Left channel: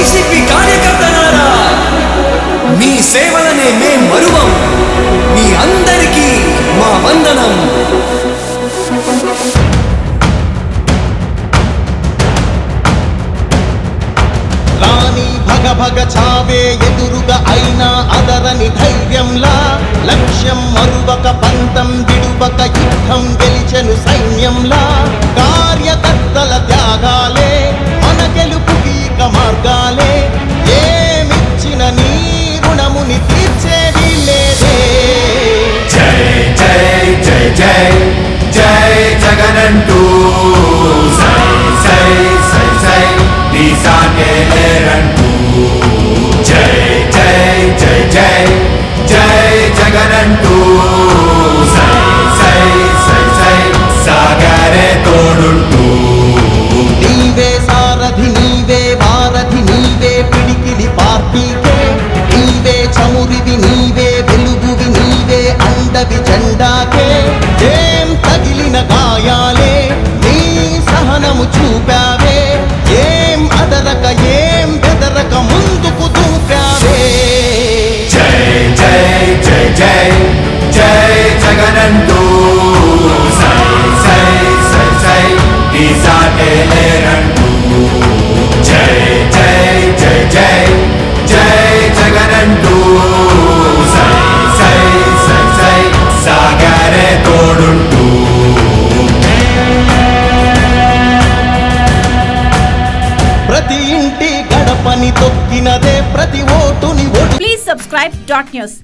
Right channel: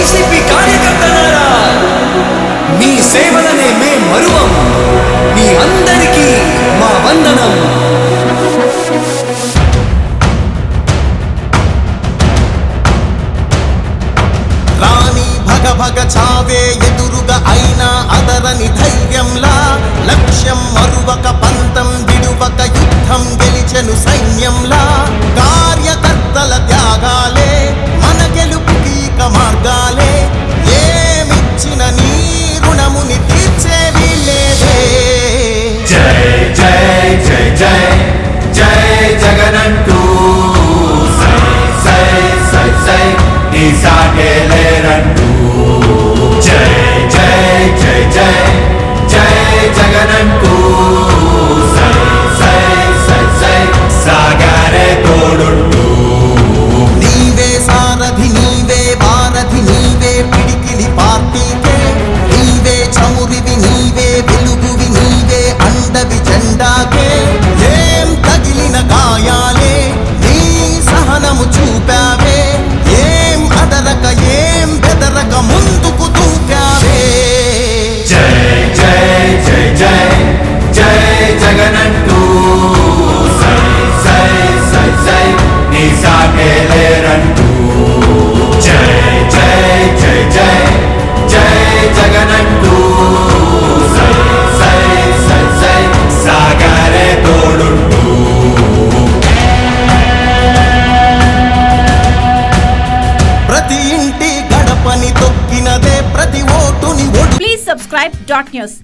YCP కార్యకర్తలారా, మీ సేవలనే మే మరువం. మీ అందరికీ మా వందనం. రాణి భగ భగ చావే ఎదురుగా అయినా అదరని ధైర్యంలా, లక్ష్యం మరువక పంతం విడువక యుద్ధం గెలిచెను సైన్యంలా. కార్యకర్తల త్యాగాలే మన గెలుపుకి ఇక మార్గాలే. ఏమిచ్చిన నీ రుణముని తీర్చేవి లేదే. జై జై జై జై జై జగనంటూ సై సై సై సై నీ సాగే లేరంటూ. జై జై జై జై జై జగనంటూ సై సై సై సై సాగరే తోడుంటూ. నీవే సారథి నీవే వారధి నీవే పిడికిలి పార్టీకే. నీవే చమురివి నీవే వెలుగువి నీవే అండవి జెండాకే. ఏం తగిలిన గాయాలే నీ సహనము చూపావే. ఏం అదరక ఏం బెదరక ముందుకు దూకావే. జై జై జై జై జై జగనంటూ సై సై సై సై నీ సాగే లేరంటూ. జై జై జై జై జై జగనంటూ సై సై సై సై సాగరే తోడుంటూ. ప్రతి ఇంటి గడపని తొక్కినదే ప్రతి ఓటుని ఒడు. Please subscribe Dot News.